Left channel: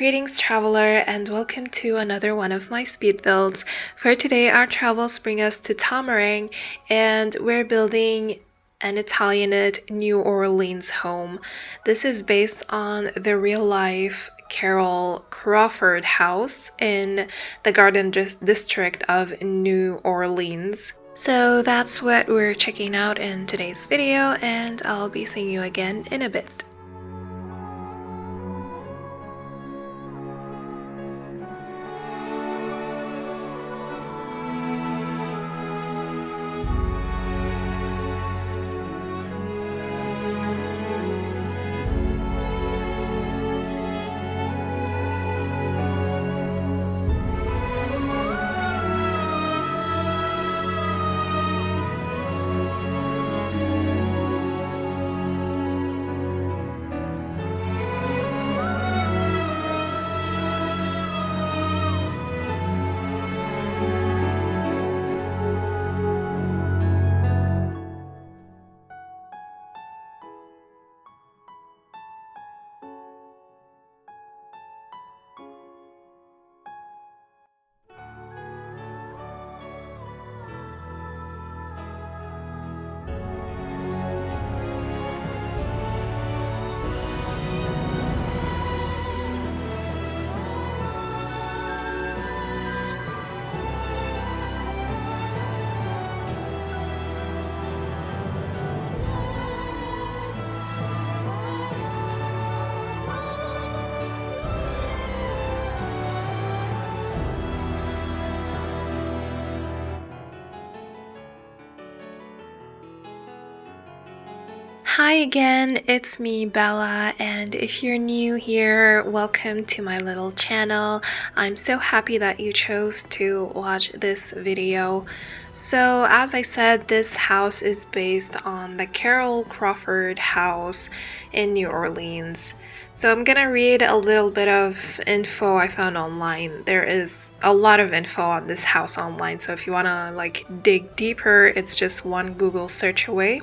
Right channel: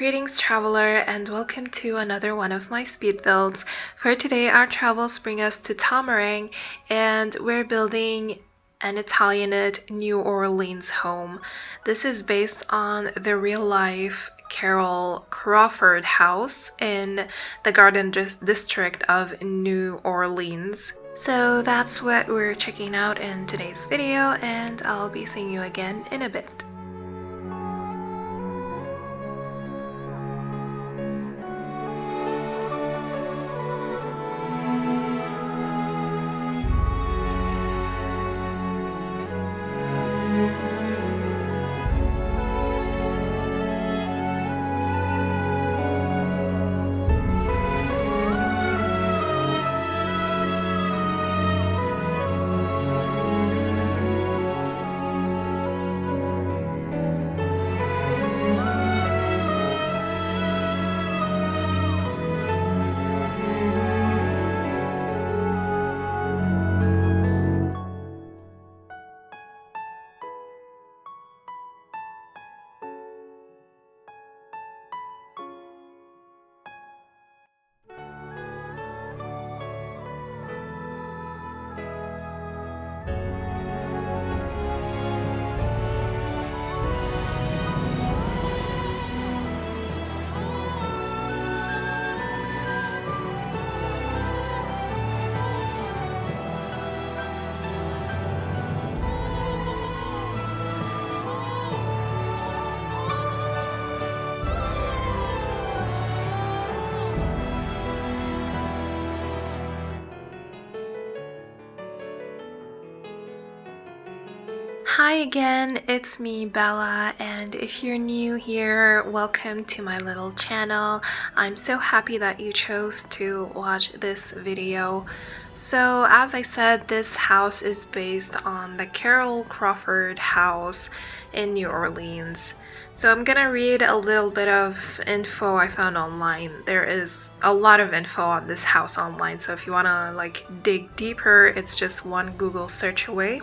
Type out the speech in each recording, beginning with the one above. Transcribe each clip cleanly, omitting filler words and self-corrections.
Greetings traveler and welcome to another one of my speed builds. For today our travels bring us to Tomarang and we're building an Italianate New Orleans home. This is based on the real-life Carroll-Crawford House in the Garden District of New Orleans. So that's what we're checking out in today's video, and I'll be seeing you again in a bit. Hi again, it's me Bella, and if you're new here, welcome to my little channel. I'm so happy that you chose to watch this video. So as I said, this house is based on the Carroll-Crawford House in New Orleans. So I'm gonna read a little bit of info I found online. There is a lot of info on this house online, so if you wanna dig deeper, it's just one Google search away.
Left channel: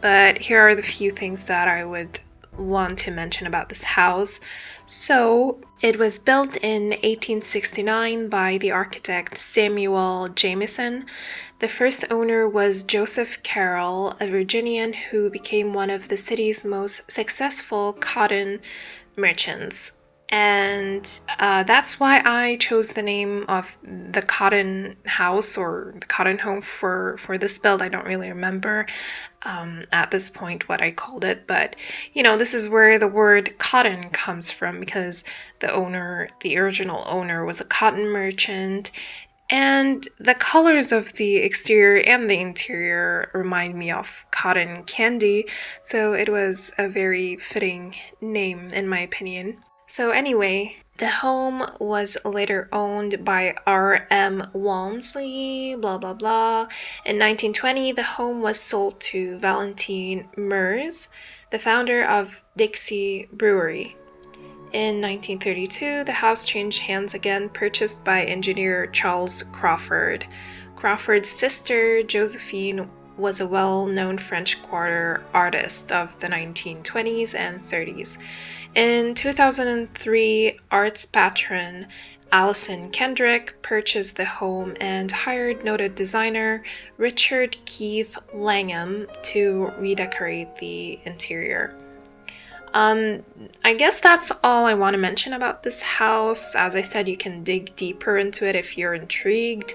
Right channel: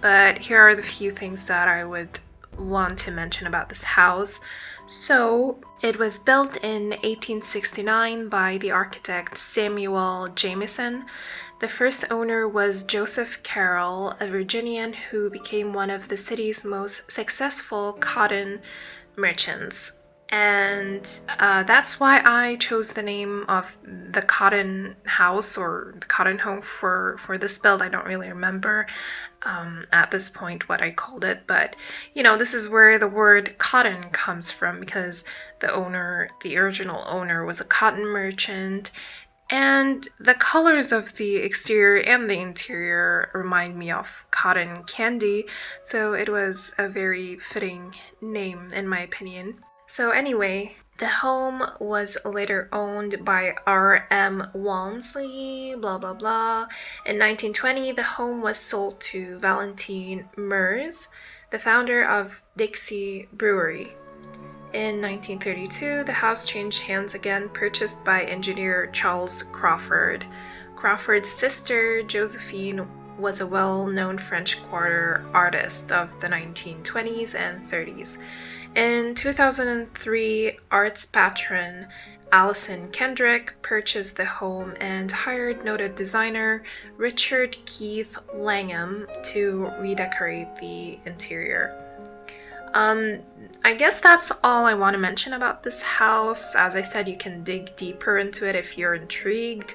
But here are the few things that I would want to mention about this house. So it was built in 1869 by the architect Samuel Jamison. The first owner was Joseph Carroll, a Virginian who became one of the city's most successful cotton merchants. And that's why I chose the name of the cotton house or the cotton home for this build. I don't really remember at this point what I called it, but you know, this is where the word cotton comes from, because the original owner was a cotton merchant, and the colors of the exterior and the interior remind me of cotton candy, so it was a very fitting name in my opinion. So anyway, the home was later owned by R.M. Walmsley, blah blah blah. In 1920, the home was sold to Valentine Mers, the founder of Dixie Brewery. In 1932, the house changed hands again, purchased by engineer Charles Crawford. Crawford's sister, Josephine, was a well-known French Quarter artist of the 1920s and 30s. In 2003, arts patron Allison Kendrick purchased the home and hired noted designer Richard Keith Langham to redecorate the interior. I guess that's all I want to mention about this house. As I said, you can dig deeper into it if you're intrigued.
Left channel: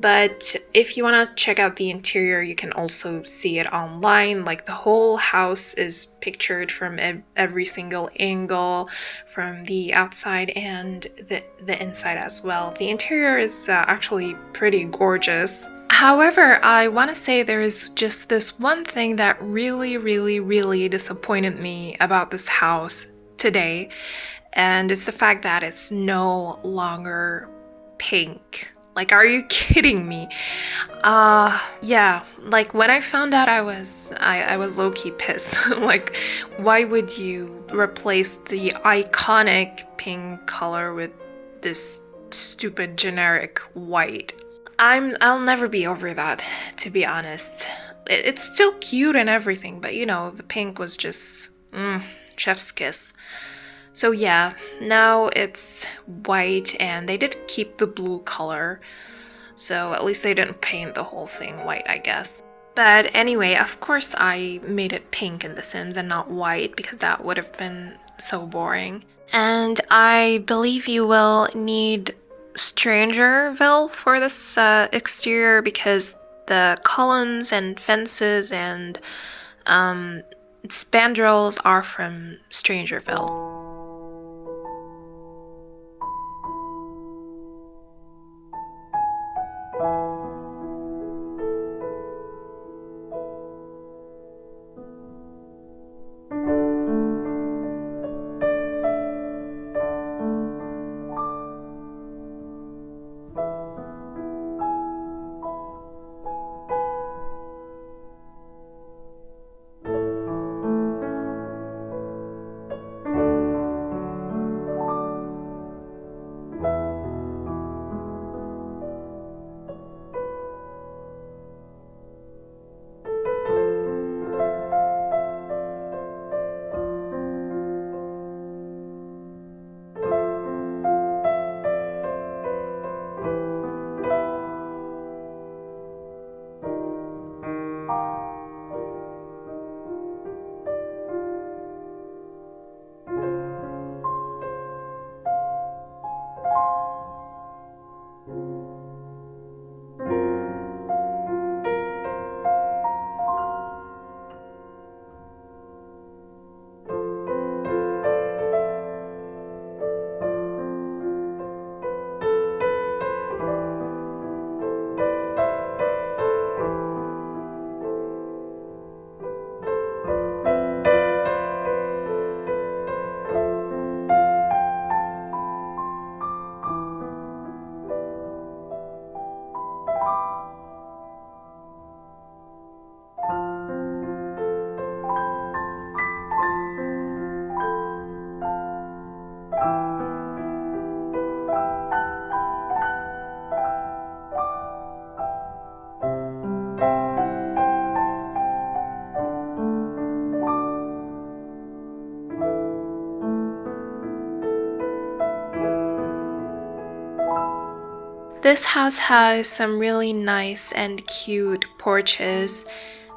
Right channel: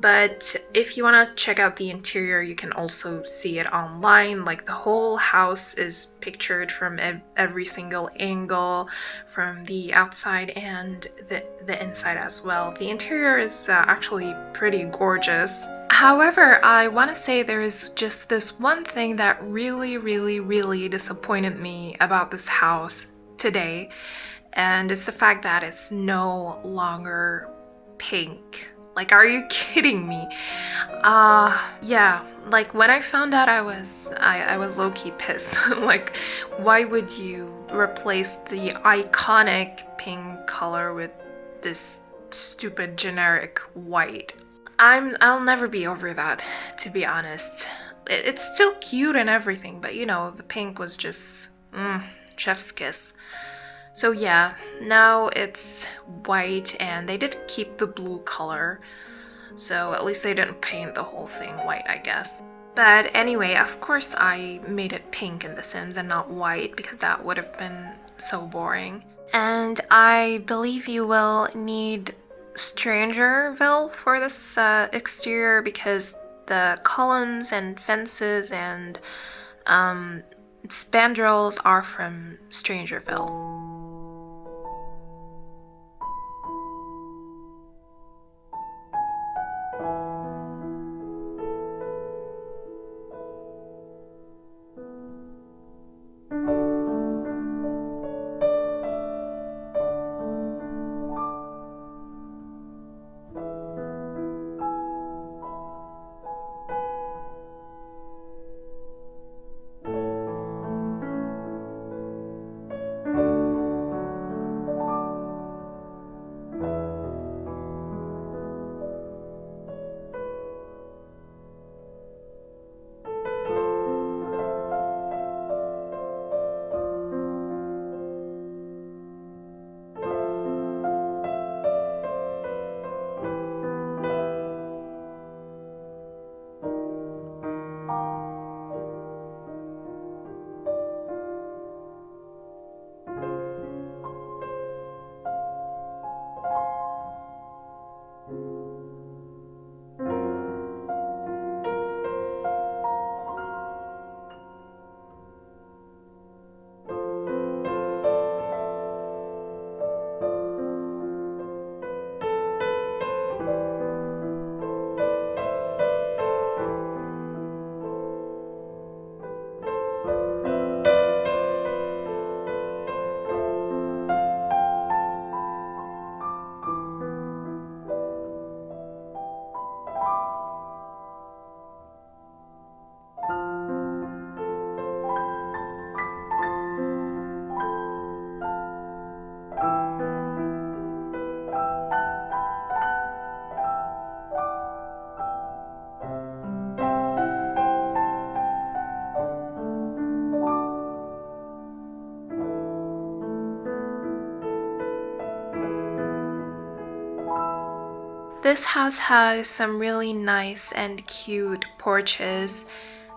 But if you want to check out the interior, you can also see it online. Like, the whole house is pictured from every single angle, from the outside and the inside as well. The interior is actually pretty gorgeous. However, I want to say there is just this one thing that really disappointed me about this house today, and it's the fact that it's no longer pink. Like, are you kidding me? Yeah, like when I found out, I was low-key pissed. Like, why would you replace the iconic pink color with this stupid generic white? I'll never be over that, to be honest. It's still cute and everything, but you know, the pink was just chef's kiss. So yeah, now it's white, and they did keep the blue color, so at least they didn't paint the whole thing white, I guess. But anyway, of course I made it pink in The Sims and not white, because that would have been so boring. And I believe you will need Strangerville for this exterior, because the columns and fences and spandrels are from Strangerville. This house has some really nice and cute porches.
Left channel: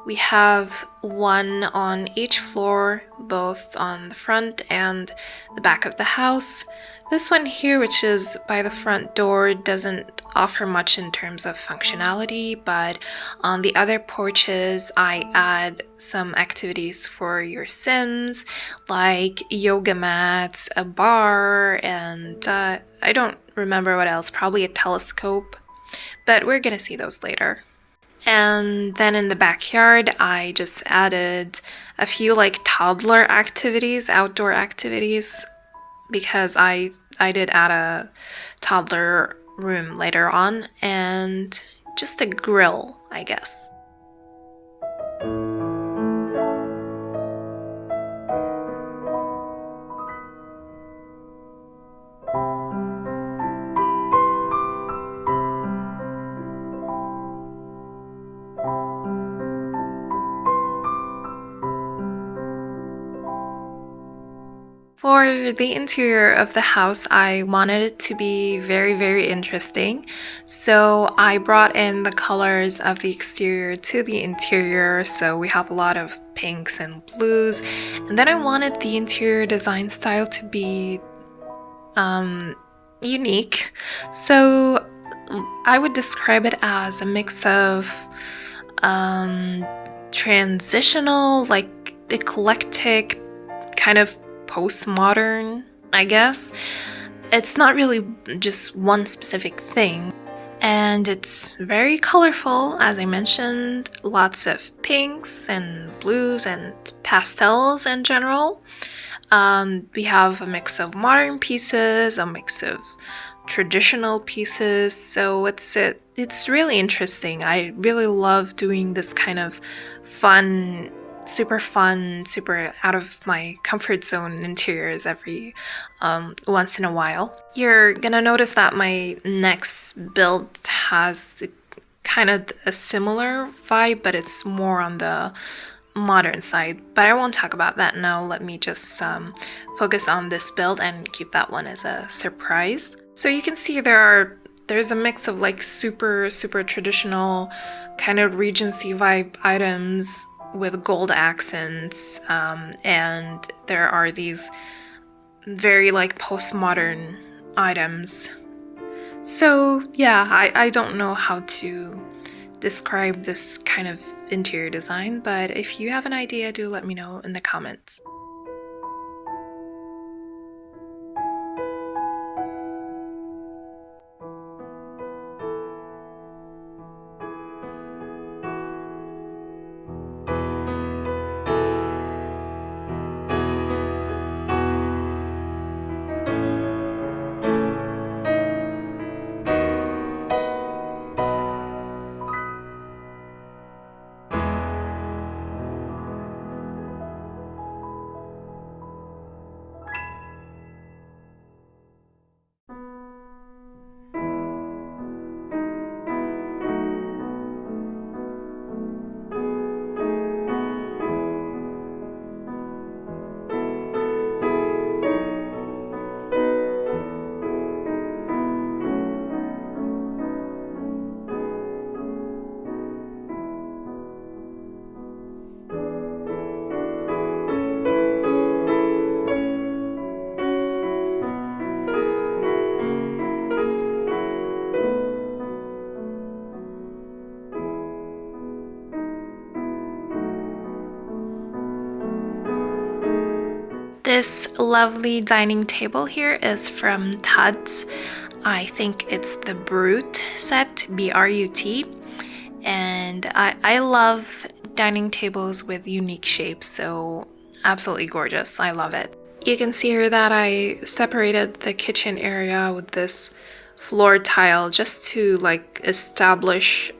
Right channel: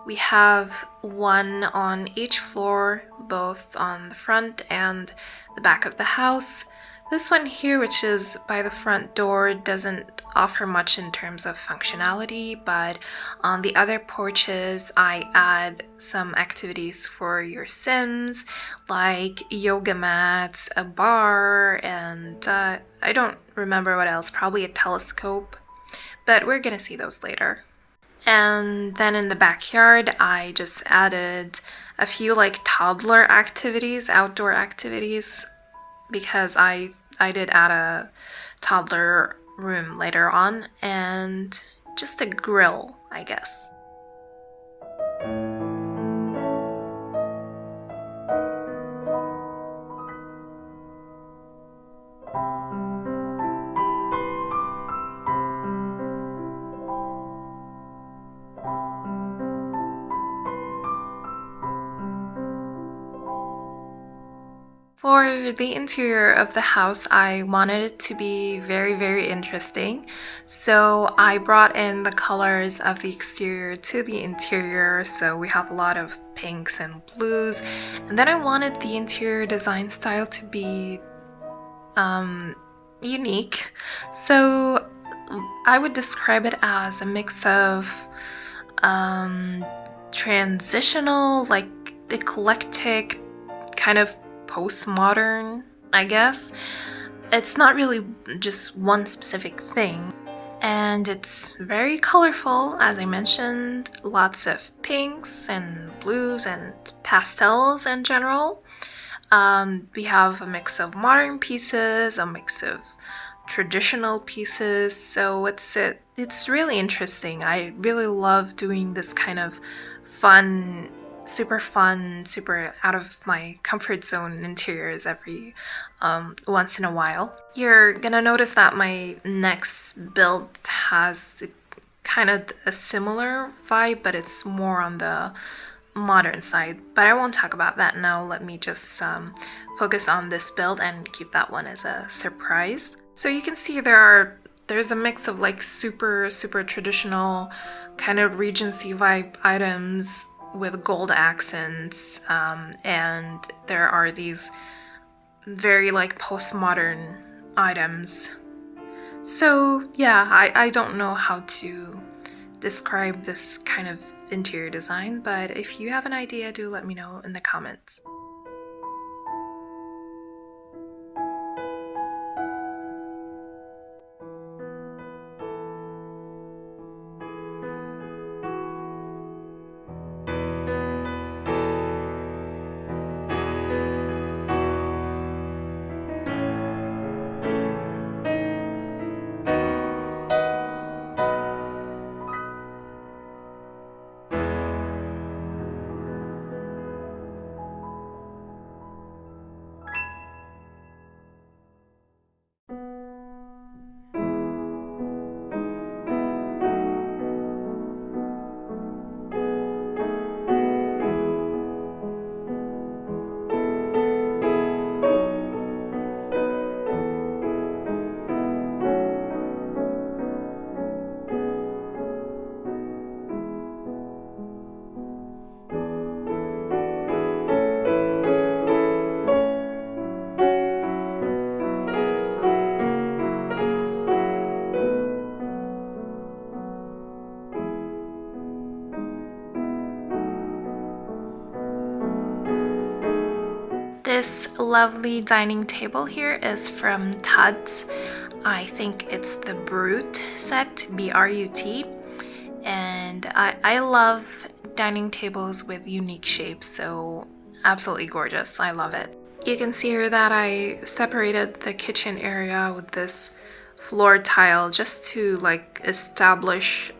We have one on each floor, both on the front and the back of the house. This one here, which is by the front door, doesn't offer much in terms of functionality, but on the other porches, I add some activities for your Sims, like yoga mats, a bar, and I don't remember what else, probably a telescope, but we're gonna see those later. And then in the backyard, I just added a few like toddler activities, outdoor activities, because I did add a toddler room later on, and just a grill, I guess. For the interior of the house, I wanted it to be very, very interesting. So I brought in the colors of the exterior to the interior. So we have a lot of pinks and blues. And then I wanted the interior design style to be unique. So I would describe it as a mix of transitional, like eclectic, kind of postmodern, I guess. It's not really just one specific thing. And it's very colorful, as I mentioned, lots of pinks and blues and pastels in general. We have a mix of modern pieces, a mix of traditional pieces, so it's really interesting. I really love doing this kind of fun, super out of my comfort zone interiors every once in a while. You're gonna notice that my next build has kind of a similar vibe, but it's more on the modern side, but I won't talk about that now. Let me just focus on this build and keep that one as a surprise. So you can see there's a mix of like super traditional kind of Regency vibe items with gold accents, and there are these very like postmodern items. So yeah, I don't know how to describe this kind of interior design, but if you have an idea, do let me know in the comments. This lovely dining table here is from T.O.O.L. I think it's the Brut set, B-R-U-T. And I love dining tables with unique shapes, so absolutely gorgeous. I love it. You can see here that I separated the kitchen area with this floor tile just to like establish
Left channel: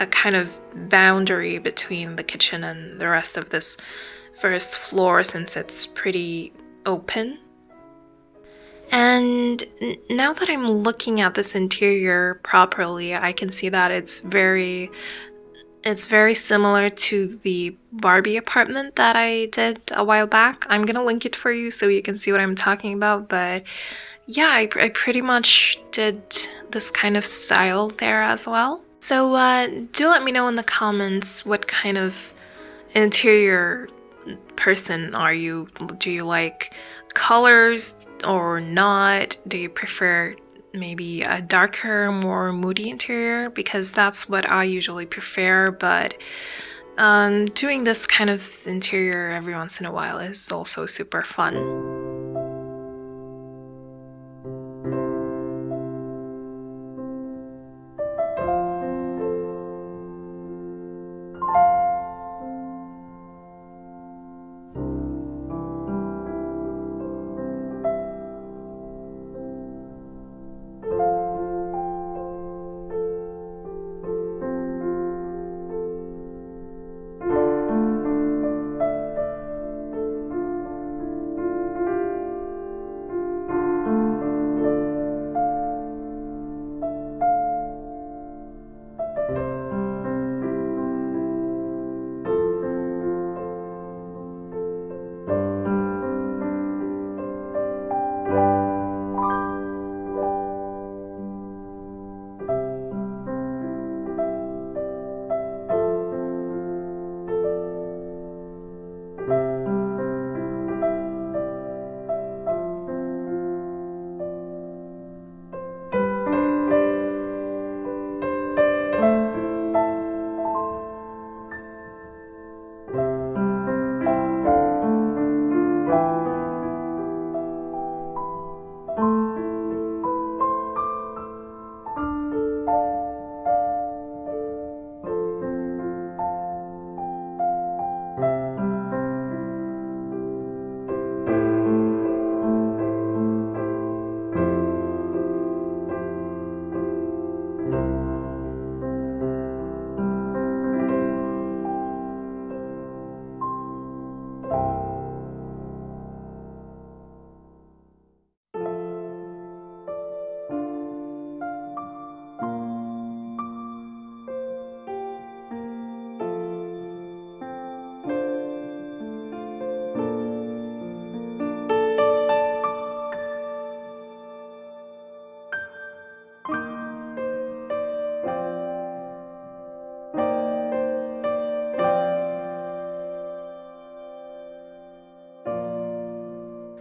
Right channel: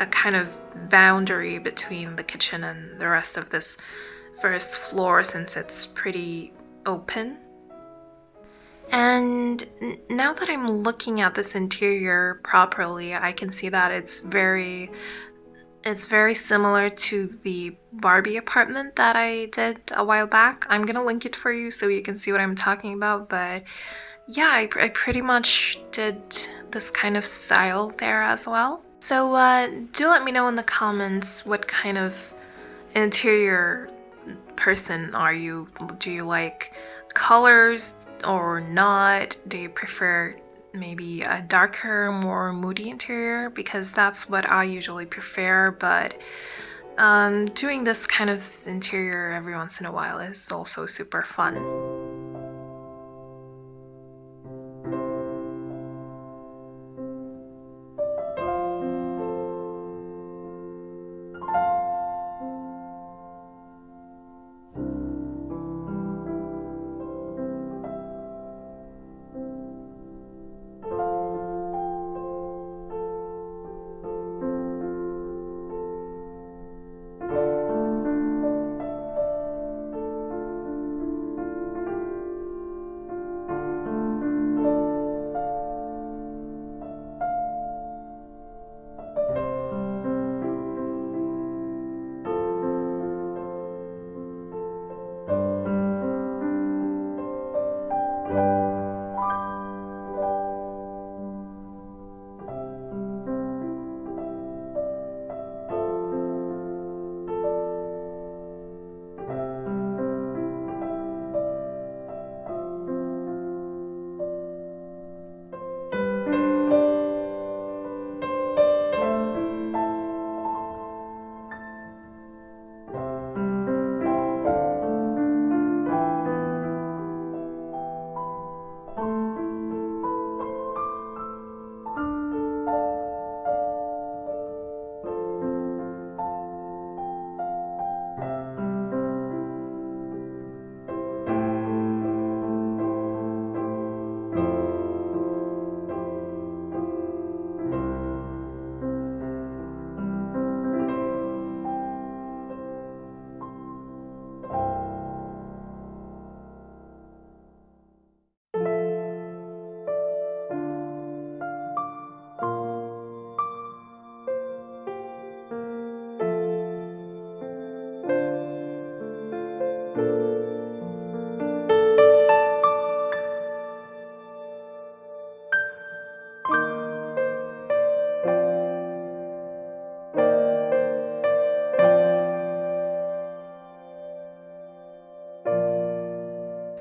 a kind of boundary between the kitchen and the rest of this first floor, since it's pretty open. And now that I'm looking at this interior properly, I can see that it's very similar to the Barbie apartment that I did a while back. I'm gonna link it for you so you can see what I'm talking about, but yeah, I pretty much did this kind of style there as well. So do let me know in the comments what kind of interior person are you? Do you like colors or not? Do you prefer maybe a darker, more moody interior? Because that's what I usually prefer, but doing this kind of interior every once in a while is also super fun.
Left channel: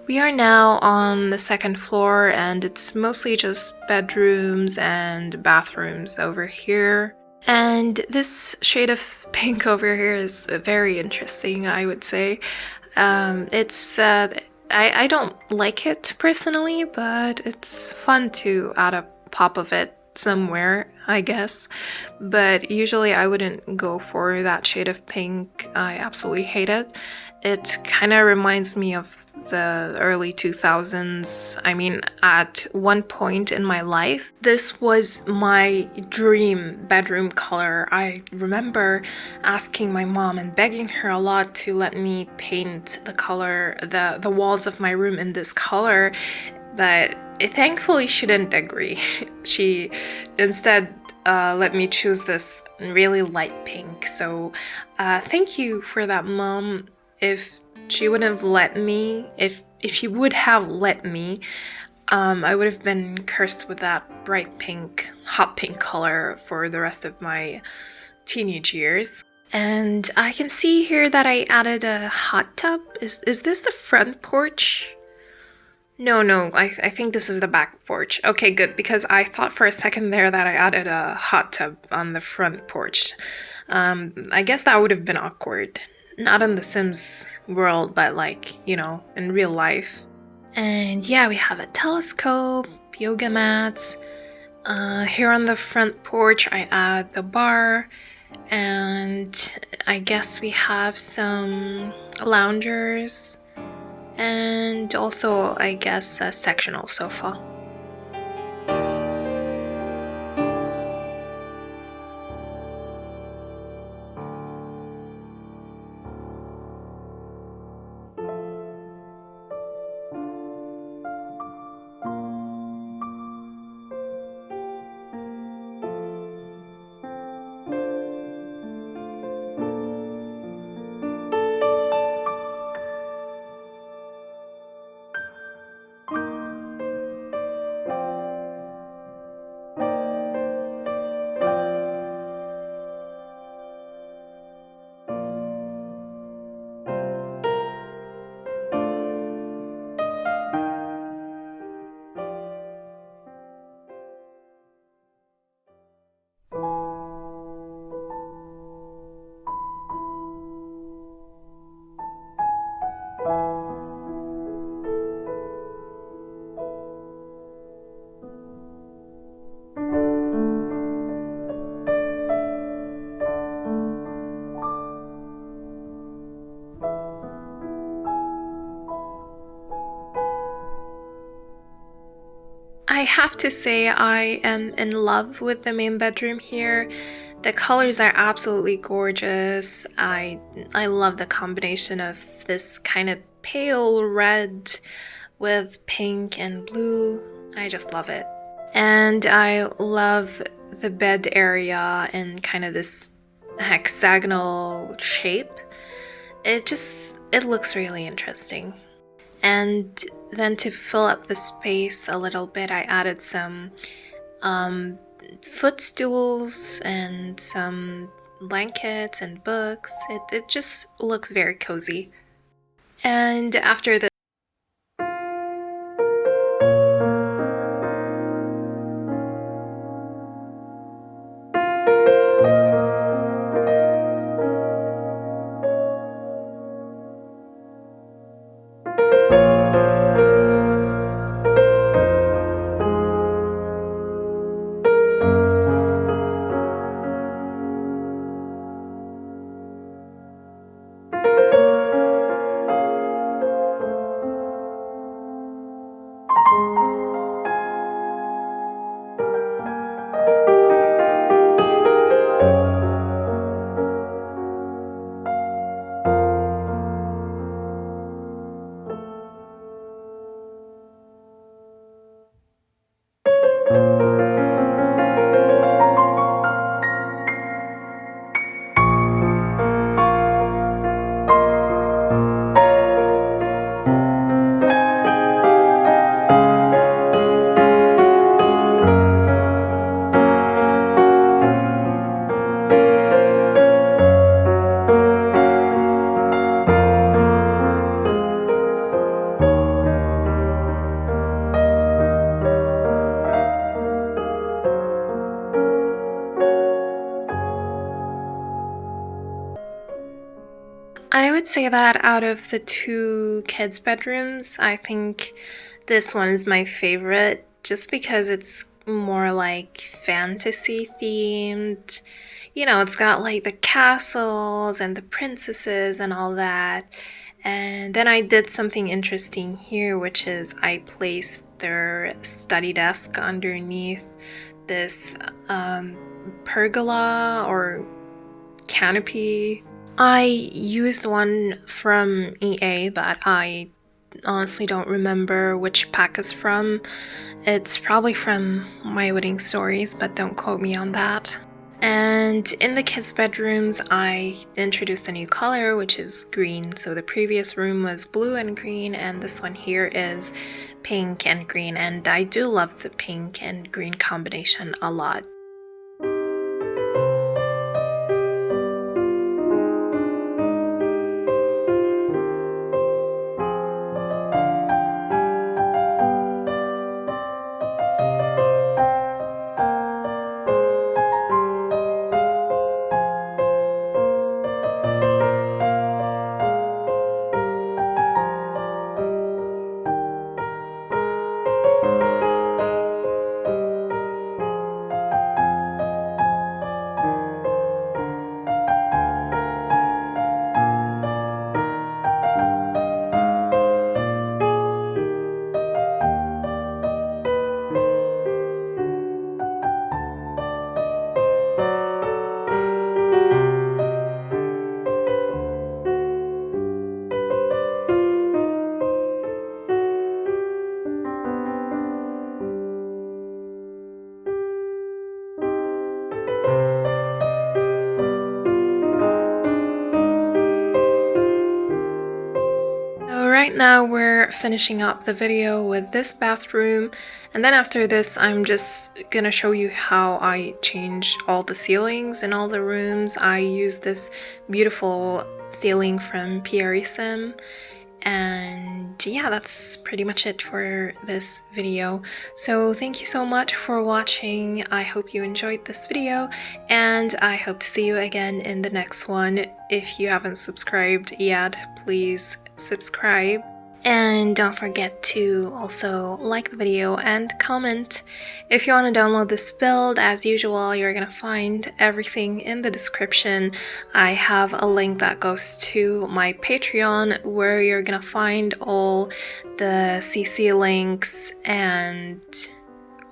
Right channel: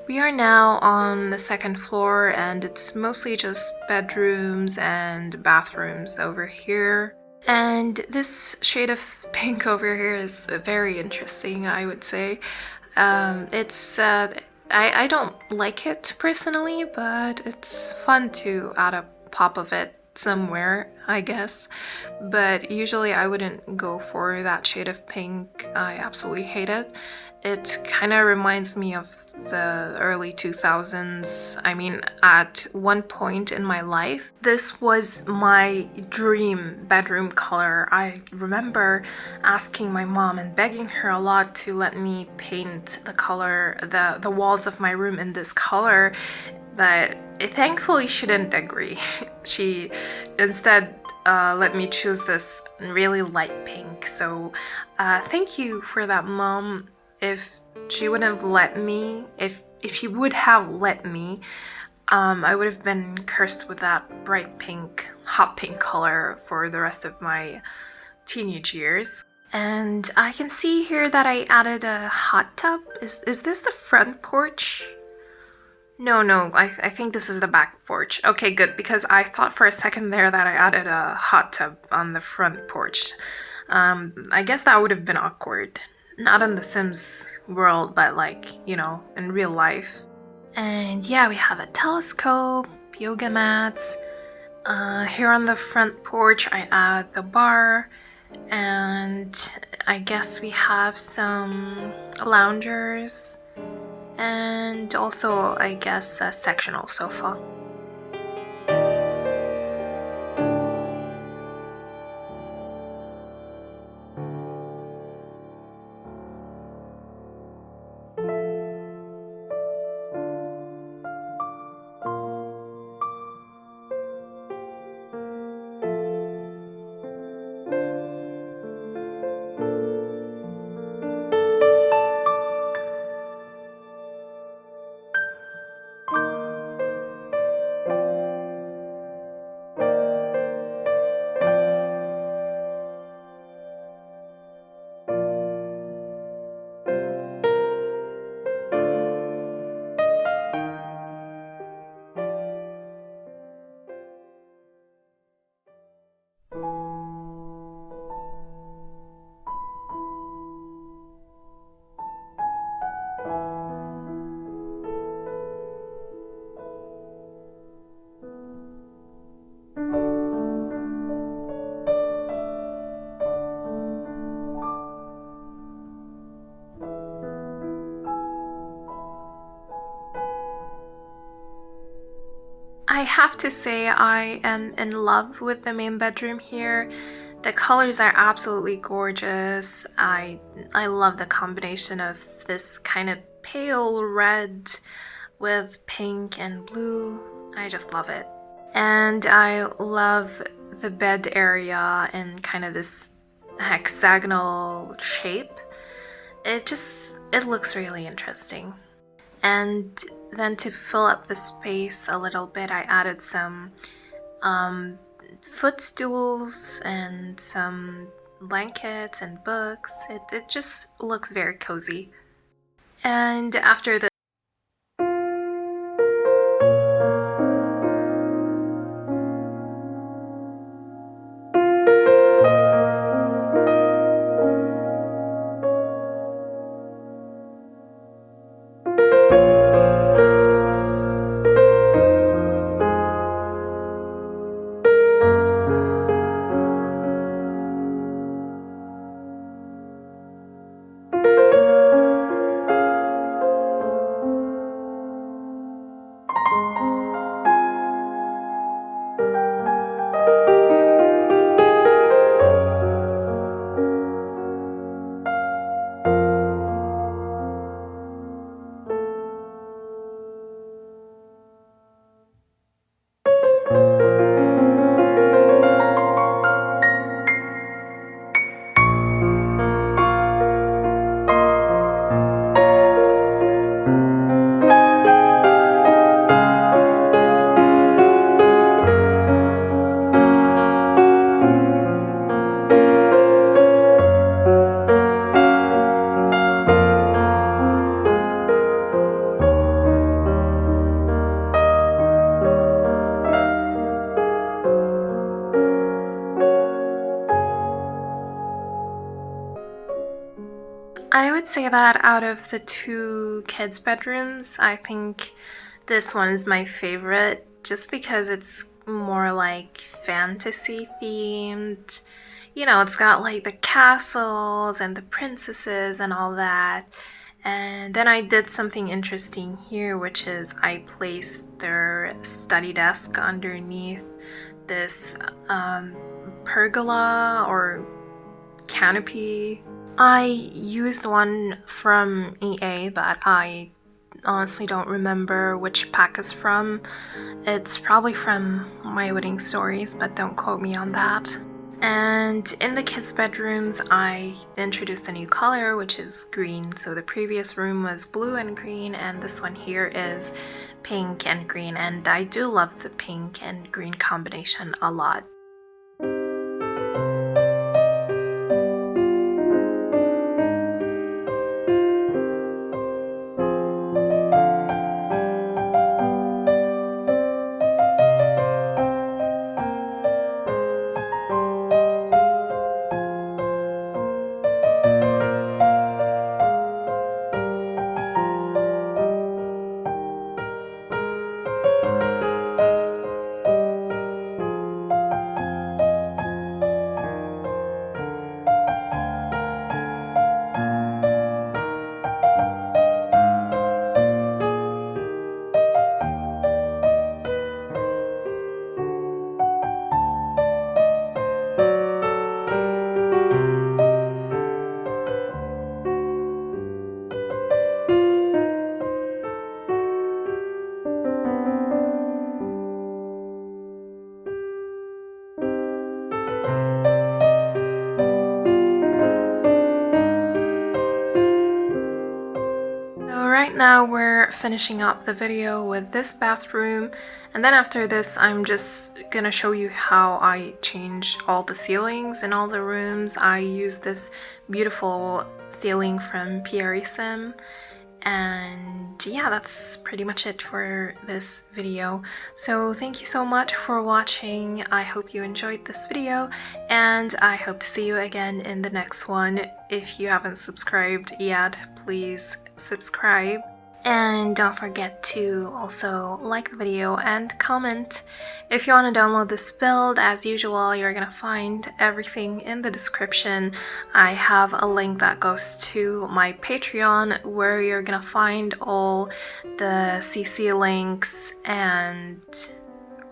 We are now on the second floor, and it's mostly just bedrooms and bathrooms over here. And this shade of pink over here is very interesting, I would say. It's I don't like it personally, but it's fun to add a pop of it somewhere, I guess. But usually I wouldn't go for that shade of pink. I absolutely hate it. It kind of reminds me of the early 2000s. I mean, at one point in my life, this was my dream bedroom color. I remember asking my mom and begging her a lot to let me paint the walls of my room in this color, but thankfully she didn't agree. She instead let me choose this really light pink. So thank you for that, Mom. If she would have let me, if she would have let me, I would have been cursed with that bright pink, hot pink color for the rest of my teenage years. And I can see here that I added a hot tub. Is this the front porch? No, I think this is the back porch. Okay, good, because I thought for a second there that I added a hot tub on the front porch. I guess that would have been awkward. Not in the Sims world, but like, in real life. And yeah, we have a telescope, yoga mats. Here on the front porch, I add the bar, and I guess we have some loungers, and also, I guess, a sectional sofa. I have to say I am in love with the main bedroom here. The colors are absolutely gorgeous. I love the combination of this kind of pale red with pink and blue. I just love it. And I love the bed area in kind of this hexagonal shape. It looks really interesting. And then to fill up the space a little bit, I added some um, footstools and some blankets and books. It just looks very cozy. And after the I would say that out of the two kids' bedrooms, I think this one is my favorite just because it's more like fantasy themed. You know, it's got like the castles and the princesses and all that. And then I did something interesting here, which is I placed their study desk underneath this pergola or canopy. I used one from EA, but I honestly don't remember which pack is from. It's probably from My Wedding Stories, but don't quote me on that. And in the kids' bedrooms, I introduced a new color, which is green. So the previous room was blue and green, and this one here is pink and green. And I do love the pink and green combination a lot. Right now we're finishing up the video with this bathroom, and then after this I'm just gonna show you how I changed all the ceilings in all the rooms. I used this beautiful ceiling from Sim, and yeah, that's pretty much it for this video. So thank you so much for watching. I hope you enjoyed this video, and I hope to see you again in the next one. If you haven't subscribed yet, please subscribe, and don't forget to also like the video and comment. If you want to download this build, as usual, you're gonna find everything in the description. I have a link that goes to my Patreon where you're gonna find all the CC links and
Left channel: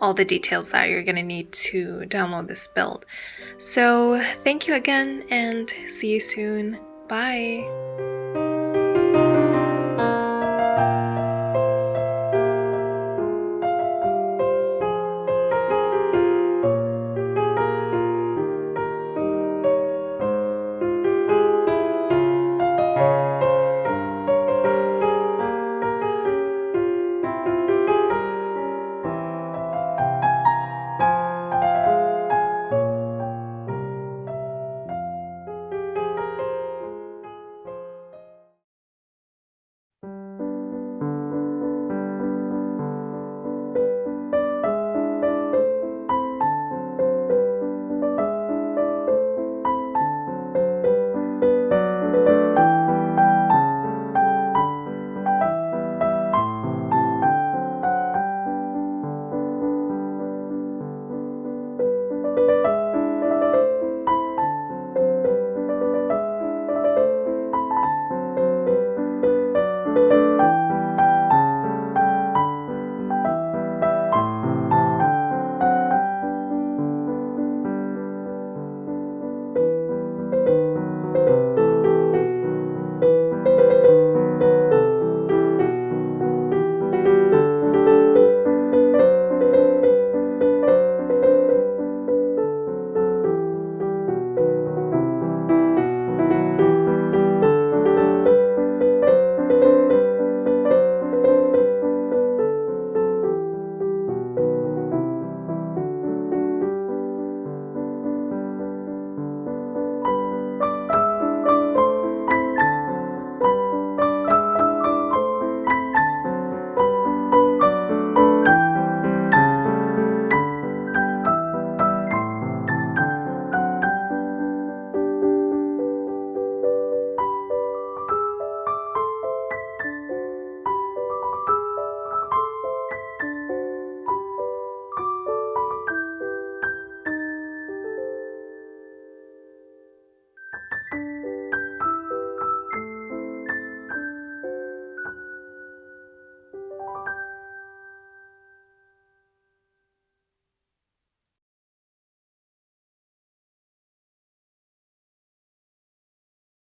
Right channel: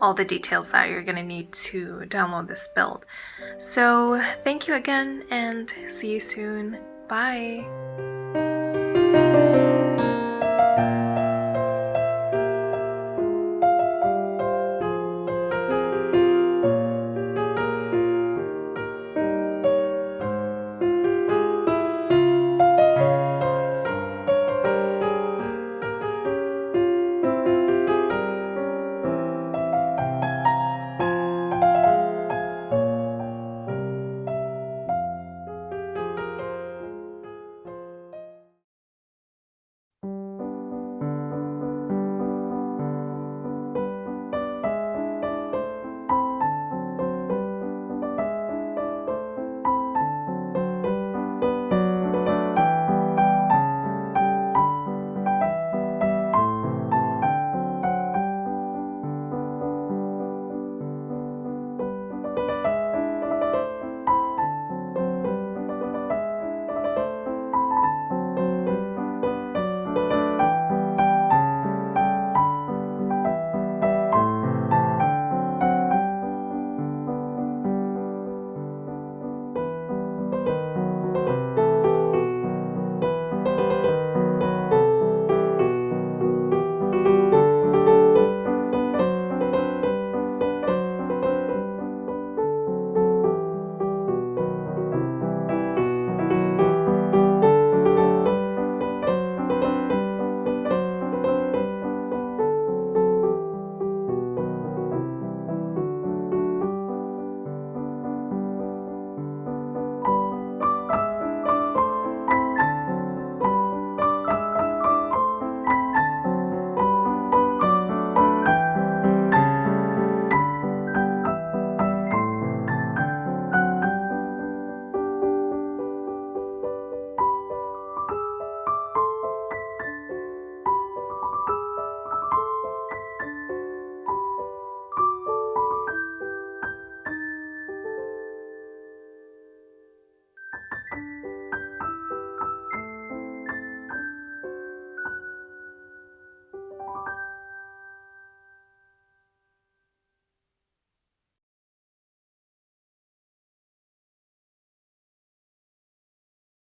all the details that you're gonna need to download this build. So thank you again, and see you soon. Bye!